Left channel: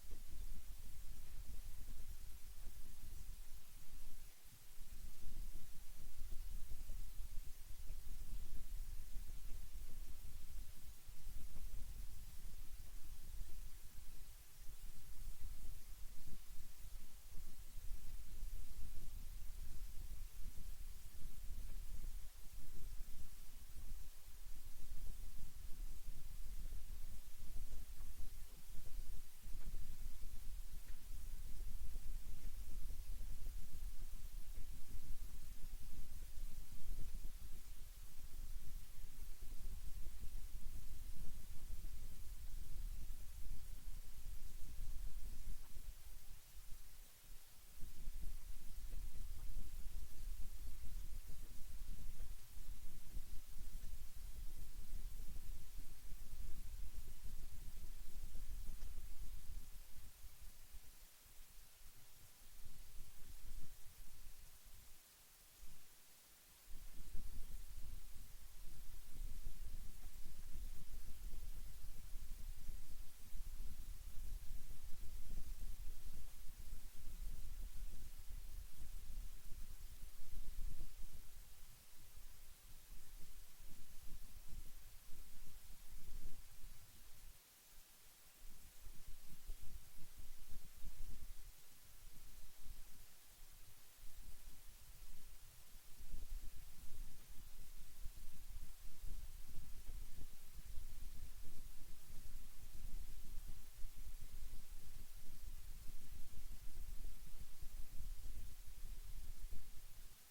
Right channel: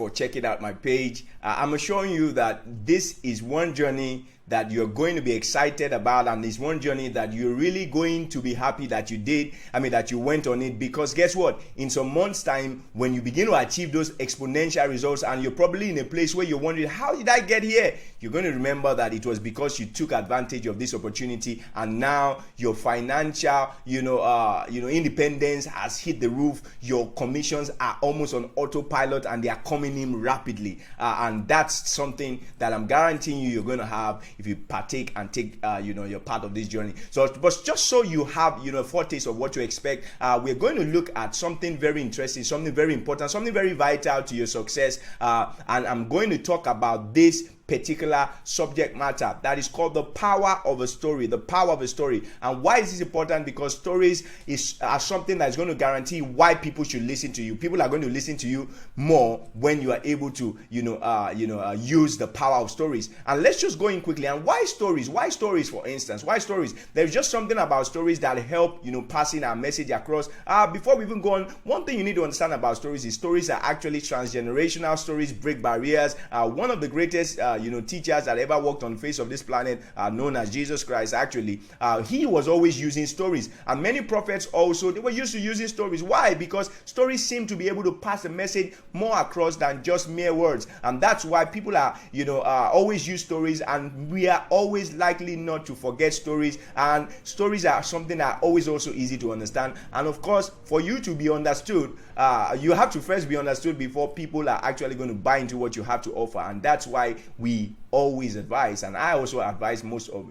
for checking out my page. I'm assuring you that this is one journey that you're going to be excited about, and it's one journey that you're really going to be happy that you did. That you went on it, because guess what? In some months' time, when you begin to achieve those exponential results, and you're probably in a place where you're wondering, how did I get here? You're going to remember that it was because you took advantage of this opportunity, and now your financial, independence has hit the roof. Your commissions are almost on autopilot, and they are coming in rapidly. And that's something that I'm guaranteeing you're going to have if you partake and take you're part of this journey. So, but just so you have a foretaste of what to expect, we're going to look at something very interesting, something very important, something very vital to your success, and I'm going to talk about this particular subject matter that is called the power of a story. The power of a story. And why is this important? Because stories are something that is going to guarantee why people should listen to you. People are going to listen to you more when you are able to use the power of stories. And let's just go in quickly. And why stories? Why stories, for instance? Why stories? There's just something about stories that help passing our message across. Before we even go on, one thing you need to understand about stories is stories are actually transgenerational. Stories break barriers. One of the greatest teachers that ever walked on the face of this planet, known as Jesus Christ, actually, he was always using stories. And many prophets also, they were used to using stories. Why? Because stories seem to be able to pass a message more across than just mere words. And that's why people are always use stories, and we are always likely not to forget stories. And stories are something that are always also easy to understand. And of course, for you to be understood, you have to first be understood before people are actually going to buy into what you have to offer. And that's why we always advise, and I also advise most of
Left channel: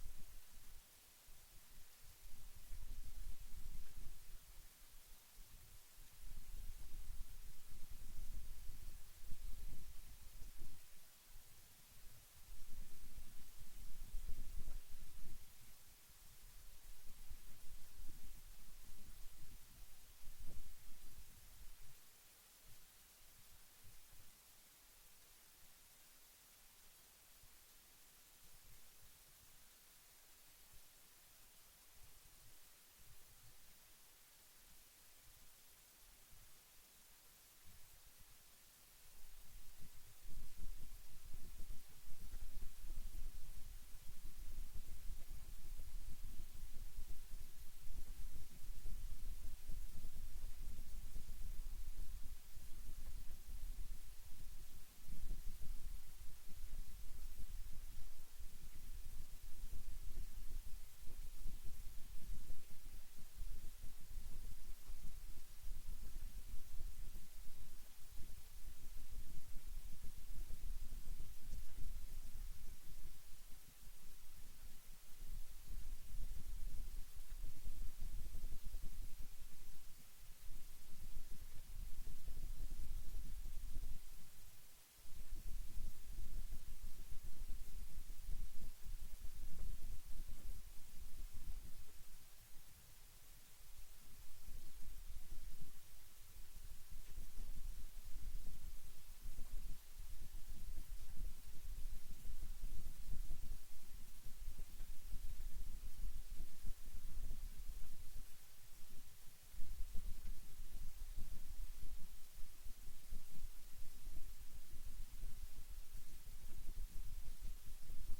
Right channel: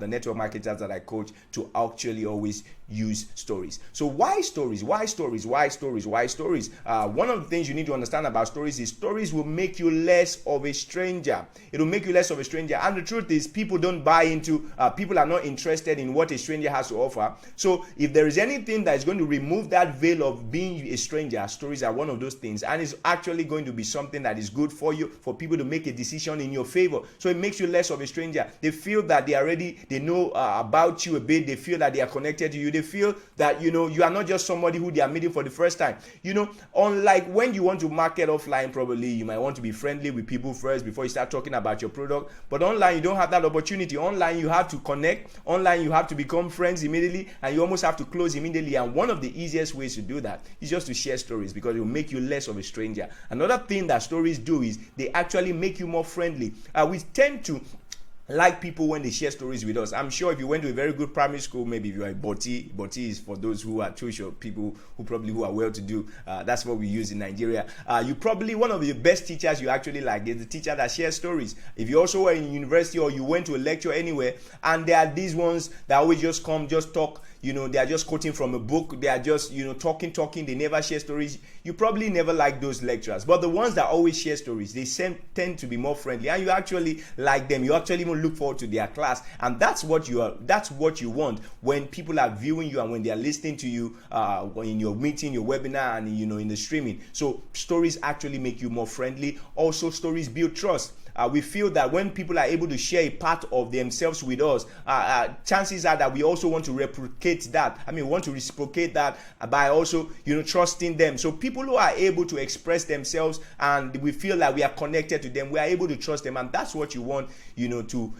the network marketers that I coach, to actually always use stories. So why stories? Why stories? Why stories? Why stories? One of the things you need to understand about stories is stories will make you less of a stranger. It will make you less of a stranger. And the truth is, people don't buy into, people are not interested in what a stranger has to offer. So if there is anything that is going to remove that veil of being a stranger, stories are one of those things. And it's actually going to be something that is good for you, for people to make a decision in your favor. So it makes you less of a stranger. They feel that they know about you a bit. They feel that they are connected to you. They feel that you are not just somebody who they are meeting for the first time. Unlike when you want to market offline, probably you might want to be friendly with people first before you start talking about your product. But online, you don't have that opportunity. Online, you have to connect. Online, you have to become friends immediately, and you almost have to close immediately. And one of the easiest ways to do that is just to share stories, because it will make you less of a stranger. Another thing that stories do is they actually make you more friendly. We tend to like people when they share stories with us. I'm sure if you went to a very good primary school, maybe if you are a Boti is for those who are tuition, people who are well to do. That's what we use in Nigeria. You probably, one of the best teachers you actually like is the teacher that shares stories. If you also were in university or you went to a lecture anywhere, and there are these ones that always just come, just talk, they are just quoting from a book, they are just talking, they never share stories. You probably never like those lecturers. But the ones that always share stories, they tend to be more friendly, and you actually like them. You actually even look forward to their class, and that's what you want when people are viewing you and when they are listening to you in your meeting, your webinar, and in the streaming. So stories actually make you more friendly. Also, stories build trust. We feel that when people are able to share a part of themselves with us, chances are that we also want to replicate that. We want to reciprocate that by also, trusting them. So people who are able to express themselves and we feel that we are connected to them, we are able to trust them, and that's what you want, to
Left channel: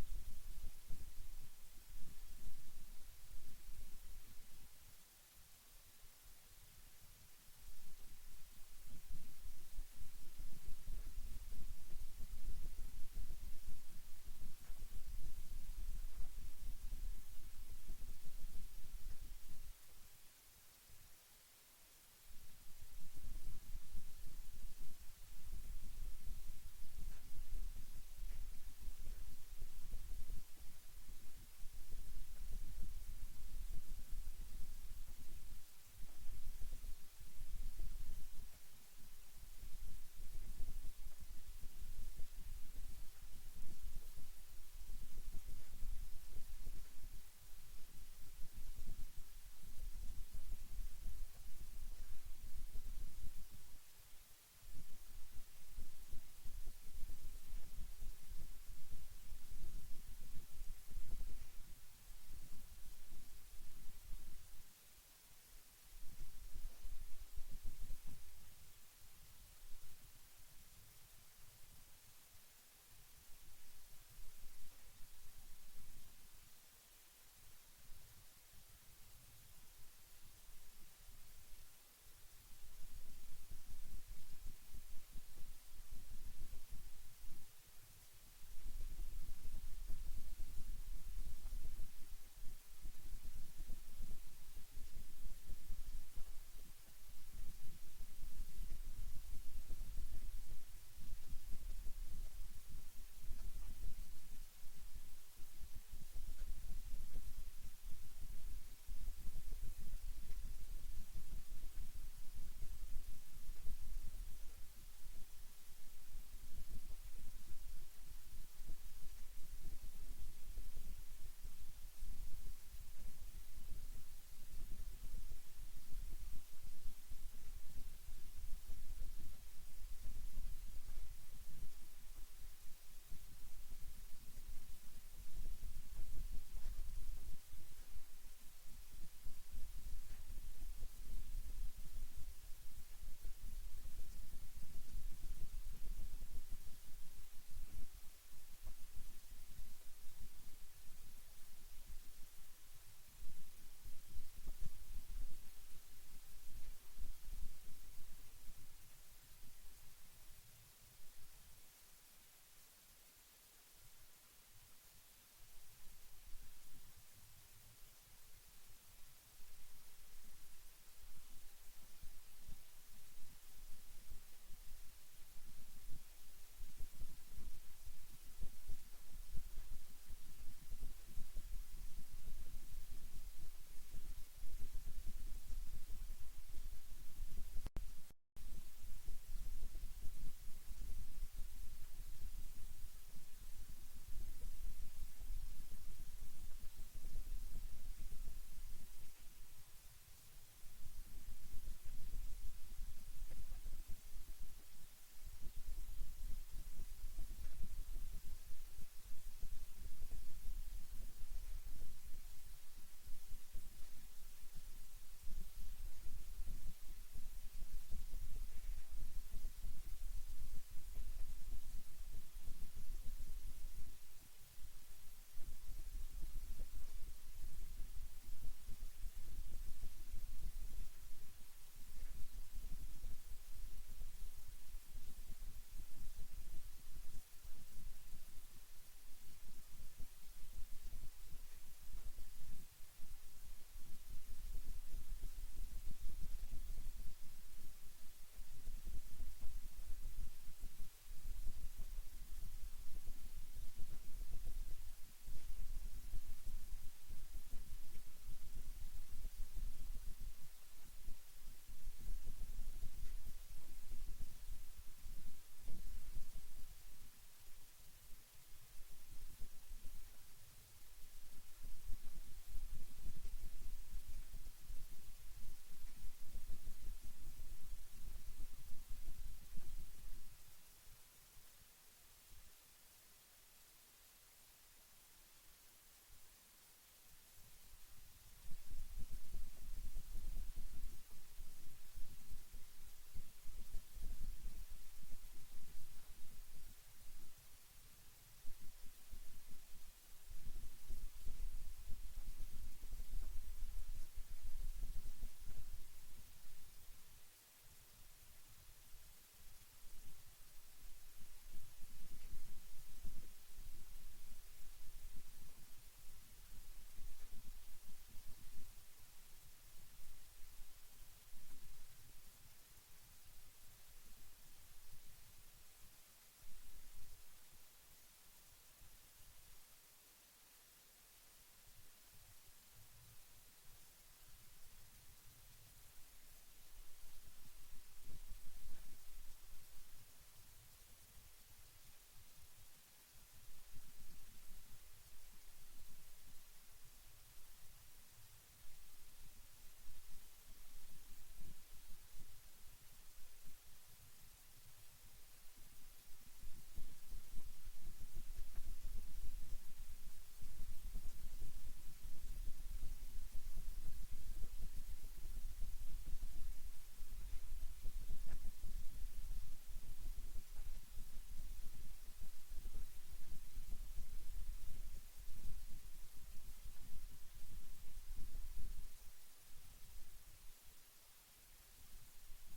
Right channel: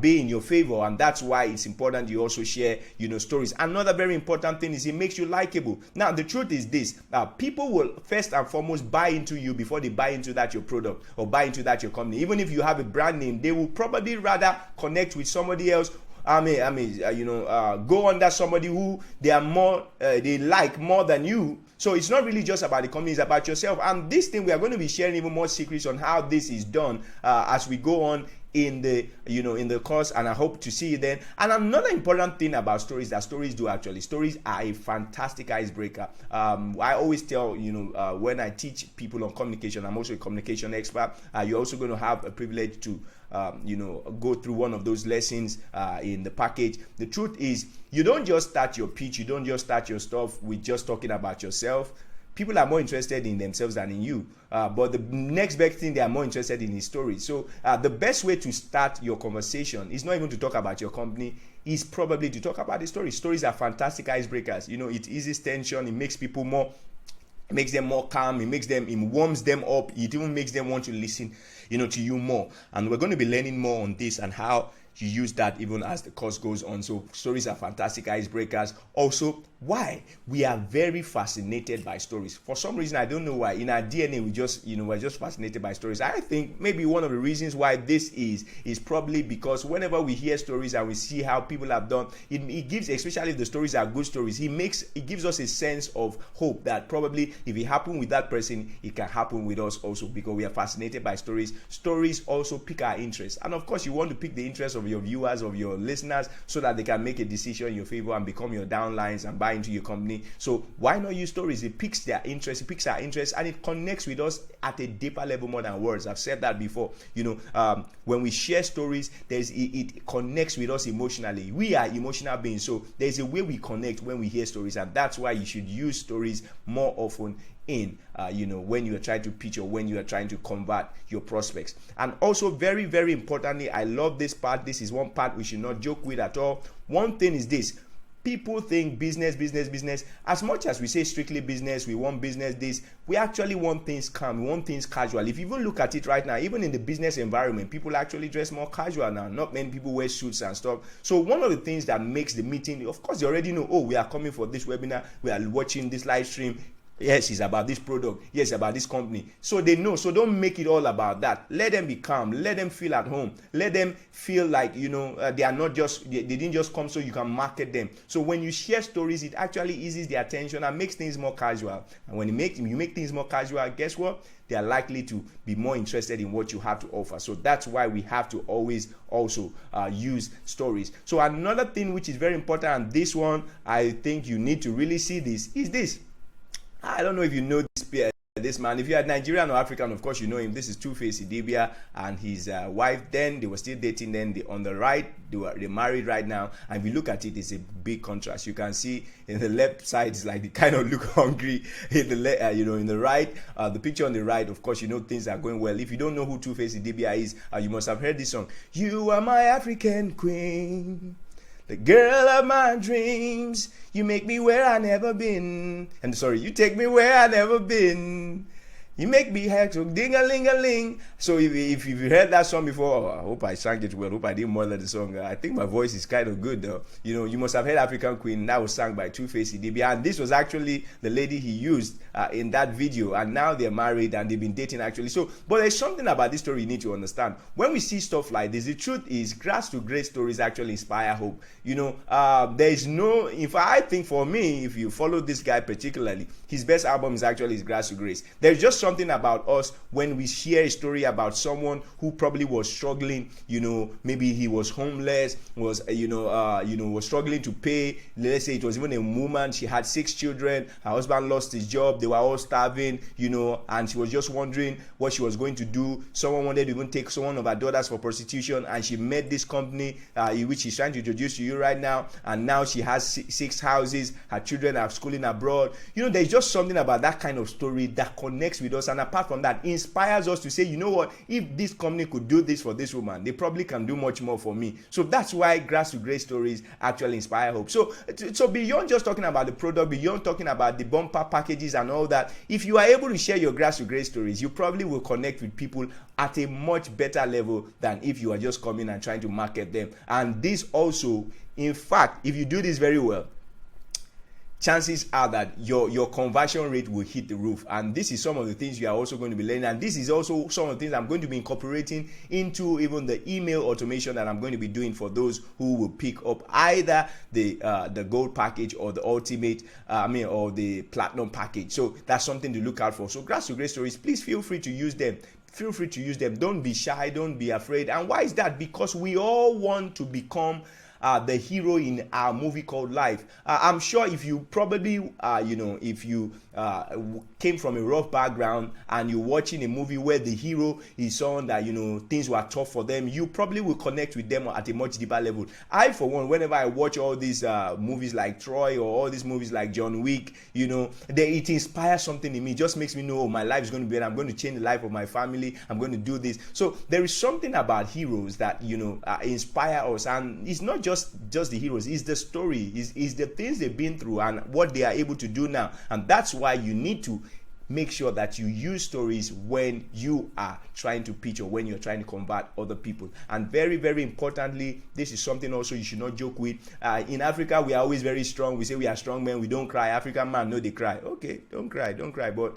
be in your favor. And that's why it's important you also share, stories. Another very important thing is it makes you likable. Now, the truth is this: people will first and foremost buy into you before they buy into that your product or buy into that your company. Even if you have a brand name, they will probably rather connect with somebody else. Go under somebody who they like more than you. So it's not really just about the company, it's about yourself. And this thing, we are going to be sharing even more secrets on how this is done as we go on in the course, and I hope to see you then. And another important thing about stories that stories do actually, stories are a fantastic icebreaker. I always tell when I teach people on communication, I'm also a communication expert. You're also going to have a privilege to go through one of those lessons in the package. The truth is, you don't just start your pitch, you don't just start your stuff with just talking about yourself. People are more interested in themselves than in you. But the next best thing they are more interested in is stories. So the best way to start your conversation is not even to talk about your company, is probably to talk about the story. Stories are fantastic icebreakers. It eases tension, it makes people more It makes them more calm. It warms them up. It even makes them want to listen, to you more. And we're going to be learning more on this and how you use that even as the course goes on. So stories are fantastic icebreakers. Also, why we are very fascinated by stories. For some reason, I don't know why. In our DNA, we're just fascinated by stories. I think maybe one of the reasons why this is probably because whenever we hear stories and we see how people have done, it gives, especially if the stories are good stories, it gives us a sense of hope that probably if it happened with that person, it can happen with us also, because we are fascinated by stories. Stories also pique our interest, and of course, you want to pique the interest of your viewers, of your listeners, so that they can make a decision in your favor and become your downlines and buy into your company. So why not use stories? It piques their interest, it piques our interest, and it connects with us at a deeper level more than words. I've said that before. When we share stories, it connects with us emotionally. We are emotional beings, so there's a way we connect when we hear stories, and that's why you should use stories more often in when you are trying to pitch or when you are trying to convert your prospects. And also, very, very importantly, I love this part. This is one part we should not joke with at all. One thing is this: people think business, business, business. As much as we say strictly business, we want business this, we actually want things calm, we want things casual. If you even look at it right now, even in the business environment, people actually dress more casual now. Not many people wear suits and stuff. So one of the things that makes the meeting, of course, you already know, oh, we are coming for this webinar, we are watching this live stream. Yes, it's about this product. Yes, about this company. So they know. So don't make it all about that. Let them be calm. Let them feel at home. Let them feel like, they are not just, they didn't just come so you can market them. So when you share stories, it actually eases their attention and makes things more casual. And when you make things more casual, guess what? They are likely to be more interested in what you have to offer. So that's why we have to always also use stories. So another thing which is very important, and this one, I think you need to really see this, is this. I don't know if you know this man. If you are Nigerian or African, of course you know him. This is Two-Face Idibia and his wife. Then they were still dating. Then on the right, they're married right now. And if you look at it, it's a big contrast. You can see in the left side, it's like they kind of look hungry. In the in the right, the picture on the right, of course, things are going well. If you don't know who Two-Face Idibia is, you must have heard this song. You are my African queen, the girl of my dreams. You make me where I never been. And sorry, you take me where I never been. You make me hack so ding-a-ling-a-ling. So if you've heard that song before, I hope I sang it well. I hope I didn't murder the song. I think my voice is kind of good though. You must have heard African Queen. That was sung by Two-Face Idibia. And this was actually the lady he used in that video. And now they're married and they've been dating actually. So, but there's something about this story you need to understand. When we see stuff like this, the truth is grass to grace stories actually inspire hope. There is no, if I think for me, if you follow this guy particularly, his best album is actually his Grass to Grace. There's just something about us when we share a story about someone who probably was struggling, maybe he was homeless, was struggling to pay. Let's say it was even a woman, she had 6 children, her husband lost his job, they were all starving, and she was just wondering what she was going to do. Someone wanted to even take one of her daughters for prostitution, and she met this company which she's trying to introduce to you right now, and now she has 6 houses, her children are schooling abroad. There's just something about that kind of story that connects with us, and apart from that, inspires us to say, you know what, if this company could do this for this woman, they probably can do much more for me. So that's why Grass to Grace stories actually inspire hope. So beyond just talking about the product, beyond talking about the bumper packages and all that, if you are able to share your Grass to Grace stories, you probably will connect with people at a much better level than if you are just coming and trying to market them. And this also, in fact, if you do this very well, chances are that your conversion rate will hit the roof. And this is some of the things you are also going to be learning, and this is also some of the things I'm going to be incorporating into even the email automation that I'm going to be doing for those who will pick up either the gold package or the ultimate or the platinum package. So that's something to look out for. So Grass to Grace stories, please feel free to use them. Feel free to use them. Don't be shy, don't be afraid. And why is that? Because we all want to become the hero in our movie called Life. I'm sure if you probably, if you came from a rough background and you're watching a movie where the hero is someone that, things were tough for them, you probably will connect with them at a much deeper level. I, for one, whenever I watch all these movies like Troy or all these movies like John Wick, it inspires something in me. It just makes me know, oh, my life is going to be better. I'm going to change the life of my family. I'm going to do this. So there is something about heroes that, inspire us. And it's not just the heroes. It's the story. It's the things they've been through and what they are able to do now. And that's why you need to make sure that you use stories when you are trying to pitch or when you're trying to convert other people. And very, very importantly, this is something also you should not joke with. In Africa, we are always very strong. We say we are strong men, we don't cry. African man, no, they cry. Okay, don't cry, but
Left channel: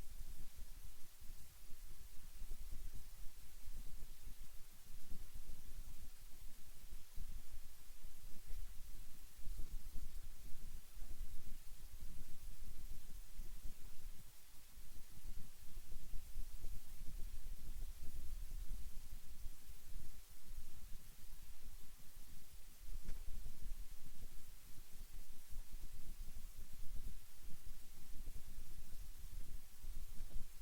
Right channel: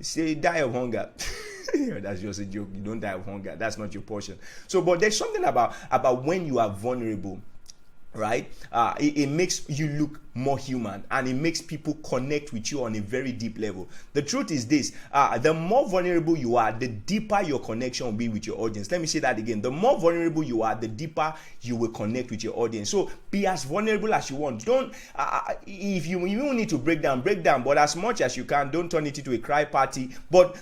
say die of hunger. That's just a joke. You don't die of hunger. That's not your portion. So, but there's something about when you are vulnerable, right? It makes you look more human, and it makes people connect with you on a very deep level. The truth is this: the more vulnerable you are, the deeper your connection will be with your audience. Let me say that again: the more vulnerable you are, the deeper you will connect with your audience. So be as vulnerable as you want. Don't if you need to break down, but as much as you can, don't turn it into a cry party. But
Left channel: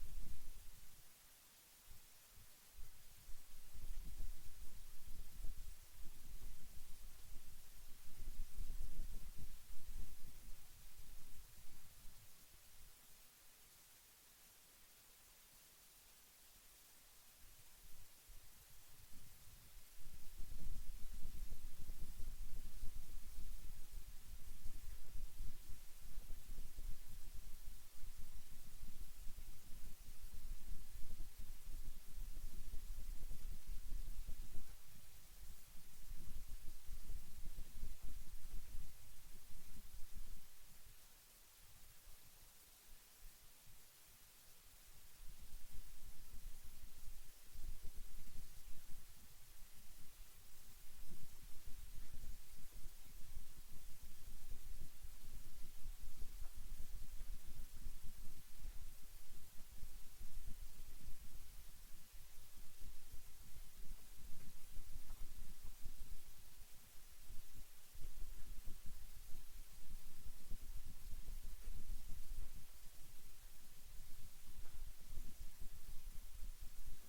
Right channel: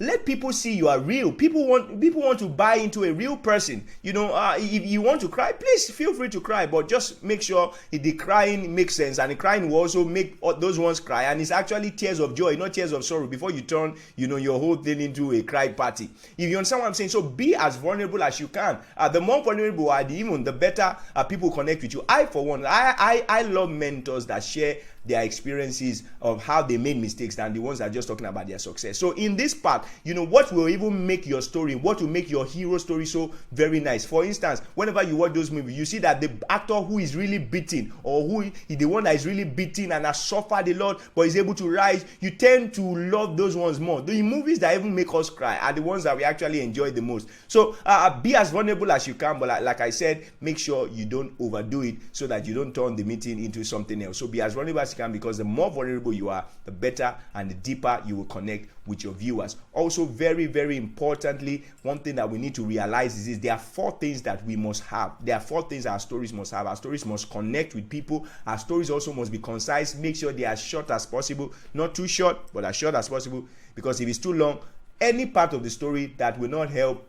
let people see you are real. People want to buy into a real person. If you want to cry, please feel free to cry, but just make sure the crying makes sense, and the crying will also make those ones cry, and it's actually tears of joy, not tears of sorrow, before you turn your whole thing into a cry party. If you understand what I'm saying. So be as vulnerable as you can. The more vulnerable are, the better people connect with you. I, for one, I love mentors that share their experiences of how they made mistakes than the ones that are just talking about their success. So in this part, what will even make your story, what will make your hero story so very nice. For instance, whenever you watch those movies, you see that the actor who is really beaten, or who is the one that is really beaten and has suffered a lot but is able to rise, you tend to love those ones more. The movies that even make us cry are the ones that we actually enjoy the most. So be as vulnerable as you can, but like I said, make sure you don't overdo it so that you don't turn the meeting into something else. So be as vulnerable as you can, because the more vulnerable you are, the better and the deeper you will connect with your viewers. Also, very, very importantly, one thing that we need to realize is there are 4 things that we must have. There are 4 things our stories must have. Our stories must connect with people. Our stories also must be concise. Make sure they are short as possible. Not too short, but as short as possible. Because if it's too long, any part of the story that will not help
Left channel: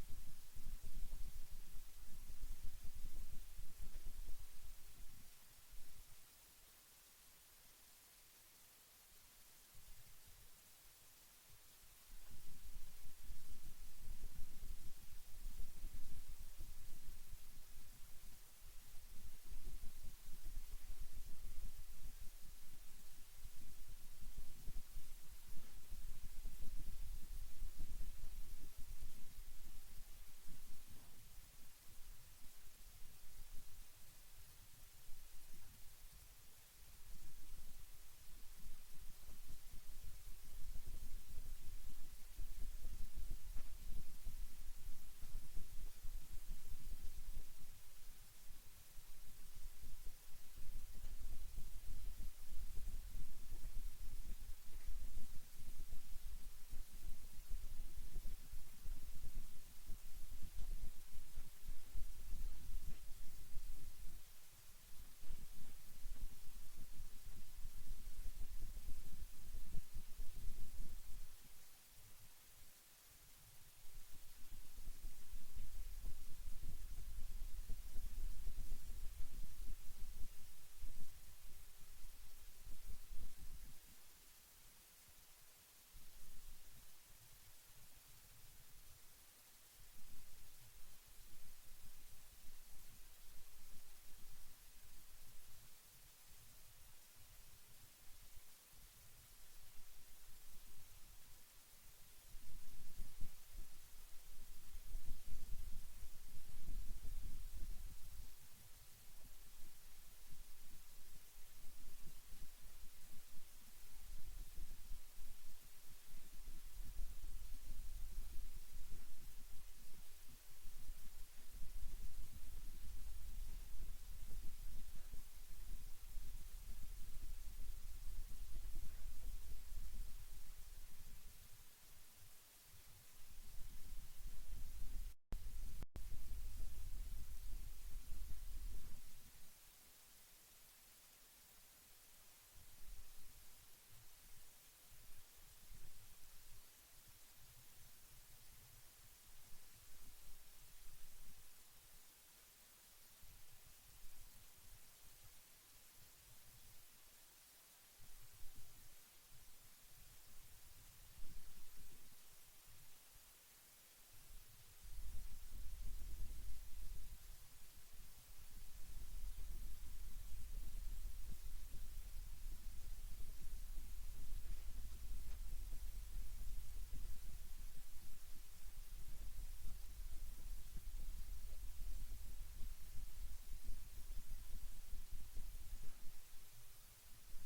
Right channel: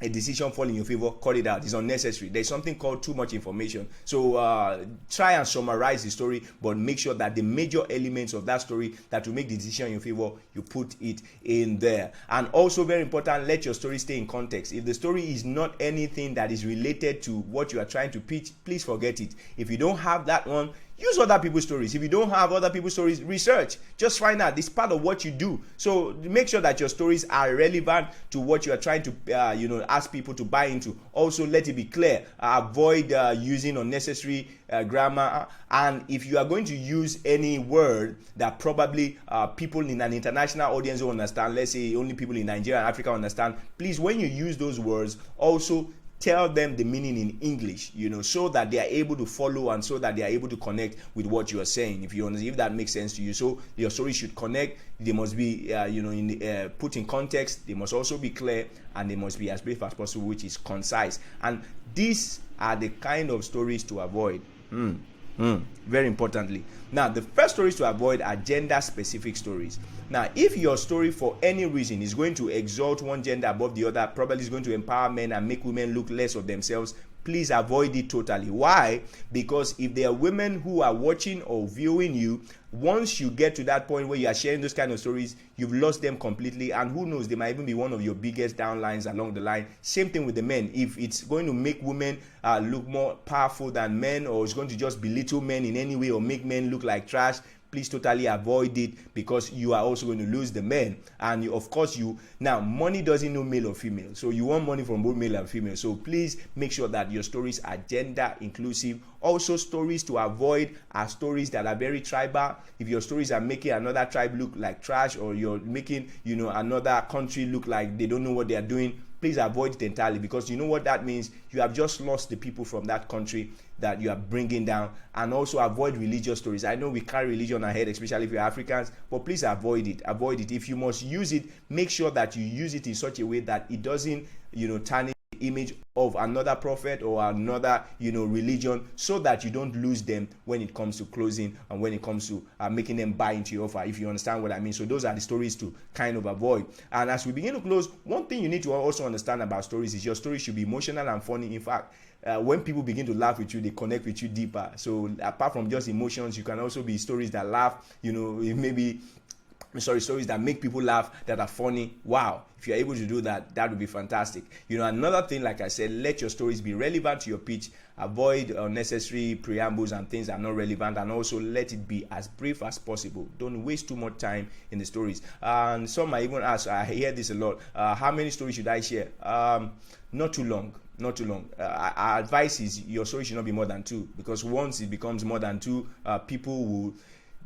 a decision fall in your favor, cut it out. It's unnecessary. There's something called too much information. So try and summarize the story, but make sure that the major elements of that story that will make the decision in your favor, you put it in there. And also, very important, let your story stay in context. If the story is not anything that is related to what you are trying to pitch, please forget it. If you don't have that one, use other people's stories. If you don't have other people's stories, research. Just find out. It's part of what you do. So make sure that your stories are relevant to what you are trying to, ask people to buy into. Also, let it be clear. Avoid using unnecessary grammar. And if you are going to use any word that probably people in an international audience will understand, let's say only people in Nigeria and Africa understand, please, when you use those words, also tell them the meaning in English, so that they are able to follow and so that they are able to connect with what you are saying. If that makes sense to you. So your story should connect. They must be, put in context. They must also be clear, and they must be as brief as possible, which is concise. And these are the kind of stories to avoid. Very importantly. Now, the first stories to avoid are gender-specific stories. Now, if your story for any reason is going to exalt one gender above the other, probably is going to empower men and make women look less of themselves, please avoid it totally. Why? Because if there are women who are watching or viewing you, once you get to that point where you are sharing those kind of stories, you've lost them completely, and who knows, they might even be one of your biggest downlines along the line. Same thing with the men. If it's going to make women look more powerful than men, or it's going to just belittle men in any way or make men look like trash, please totally avoid it, because you are also going to lose the men. And of course, now money doesn't know male or female, so you want money from both male and female. So please make sure that your stories are gender inclusive. Also, stories to avoid are stories that are very tribal. If your stories are making another tribe look like trash, or you're making another country look like they don't know what they are doing, please avoid it entirely, because you know what that means. You have just lost the people from that country that you are bringing down. And also avoid religious stories. I know we carry religion ahead, especially if you're Africans, but please avoid it. If you must use it, make sure that you use it in such a way that it doesn't tarnish the image of another prophet or another religion, so that you don't lose them when it comes to closing and when it comes to making them buy into your offer, if you understand what I mean. So those are the stories to kind of avoid. And as we begin to close, one thing you need to also understand about stories is your story should be emotional and funny. In fact, when people begin to laugh with you, they connect with you deeper. So apart from just emotions, you can also be stories that laugh, stories that make people laugh, that are funny. Wow. If you're able to do that, that would be fantastic. Another thing, like I said, let your stories be relevant to your pitch avoid unnecessary preambles and things that are not relevant, and also let it be as brief as possible. Don't waste too much time in the stories. And some might even ask, I hear this a lot, how many stories should I share? Not too long, not too long. Our advice is your story should not be more than two, because once it becomes more than two, people will,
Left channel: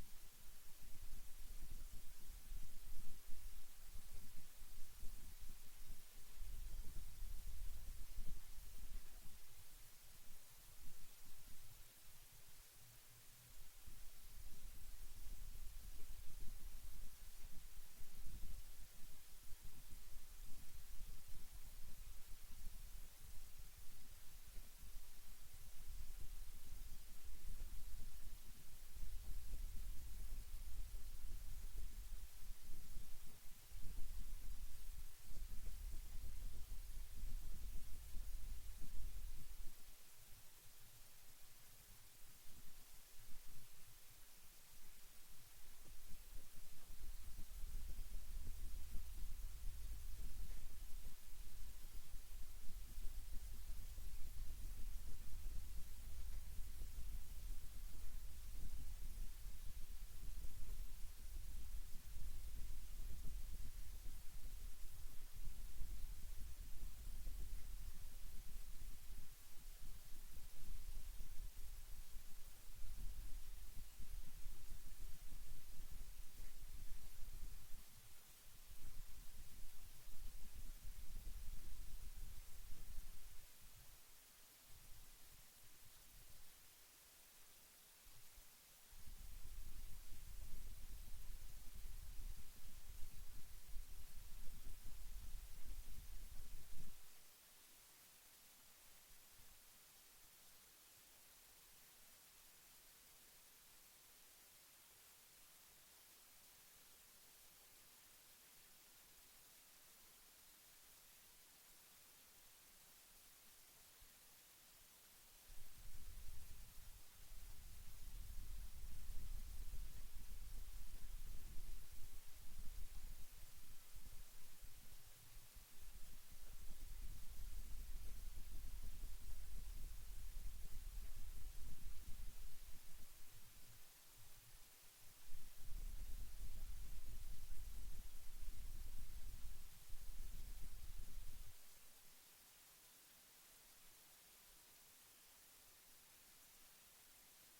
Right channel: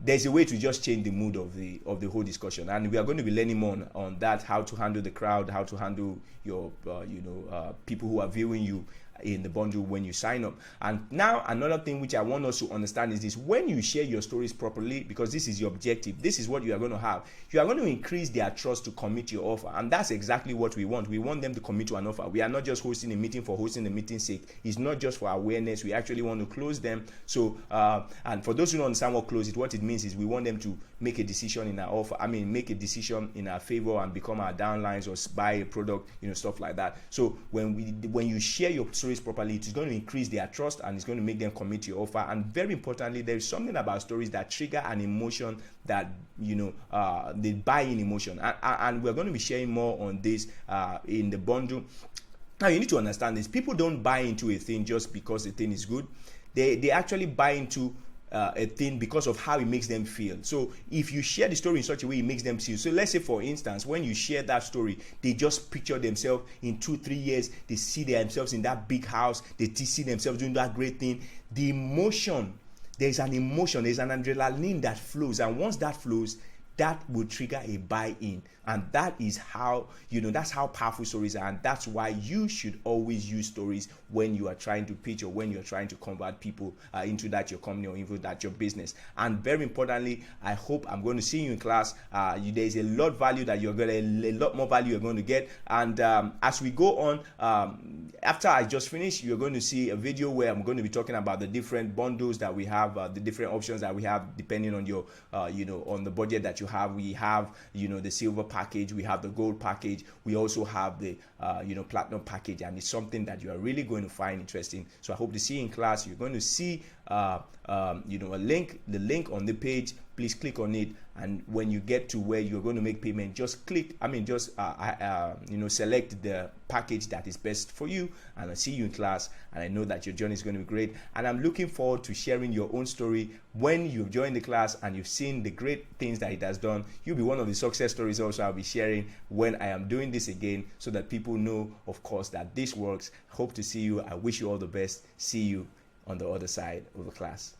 there's a way to just change the mood of the whole discussion, and we are going to be learning more on that, how to handle the crowd, how to handle your people who are viewing you in the bundle when you sign up. And now another thing which I want us to understand is this: when you share your stories properly, because this is your objective, this is what you are going to have, you are going to increase their trust to commit to your offer. And that's exactly what we want. We want them to commit to an offer. We are not just hosting a meeting for hosting the meeting's sake. It's not just for awareness. We actually want to close them. So and for those who don't understand what close it, what it means is we want them to make a decision in our offer, make a decision in our favor and become our downlines, or buy a product, stuff like that. So when you share your stories properly, it is going to increase their trust, and it's going to make them commit to your offer. And very importantly, there is something about stories that trigger an emotion that the buy-in emotion, and we're going to be sharing more on this in the bundle. Now you need to understand this: people don't buy into a thing just because the thing is good. They actually buy into a thing because of how it makes them feel. So if you share the story in such a way it makes them feel, so let's say for instance, when you share that story, they just picture themselves in 2-3 years, they see themselves in that big house, they see themselves doing that great thing. The emotion, there's an emotion, there's an adrenaline that flows, and once that flows, that will trigger a buy-in. And that is how, that's how powerful stories are. And that's why you should always use stories when you are trying to pitch, or when you're trying to convert people into that your company, or into that your business. And very importantly, I hope I'm going to see you in class. There's a lot of value that you're going to, a lot more value you're going to get. And as we go on, after I just finish, you're going to see a video where I'm going to be talking about the different bundles that we have, the different options that we have depending on your, on the budget that you have. We have, the silver package, we have the gold package, we also have the, platinum package, and it's something that you are really going to find interesting. So I hope to see you in class. You're going to see, a link, the link on the page. Please click on it, and when you get to where you're going to make payment, just click, select the package that is best for you, and I'll see you in class. And I know that your journey is going to be great, and I'm looking forward to sharing your own story when you've joined the class and you've seen the great things that it has done. You'll be one of the success stories also I'll be sharing when I am doing this again, so that people know, of course, that this works. Hope to see you. I wish you all the best. See you on the other side of the class.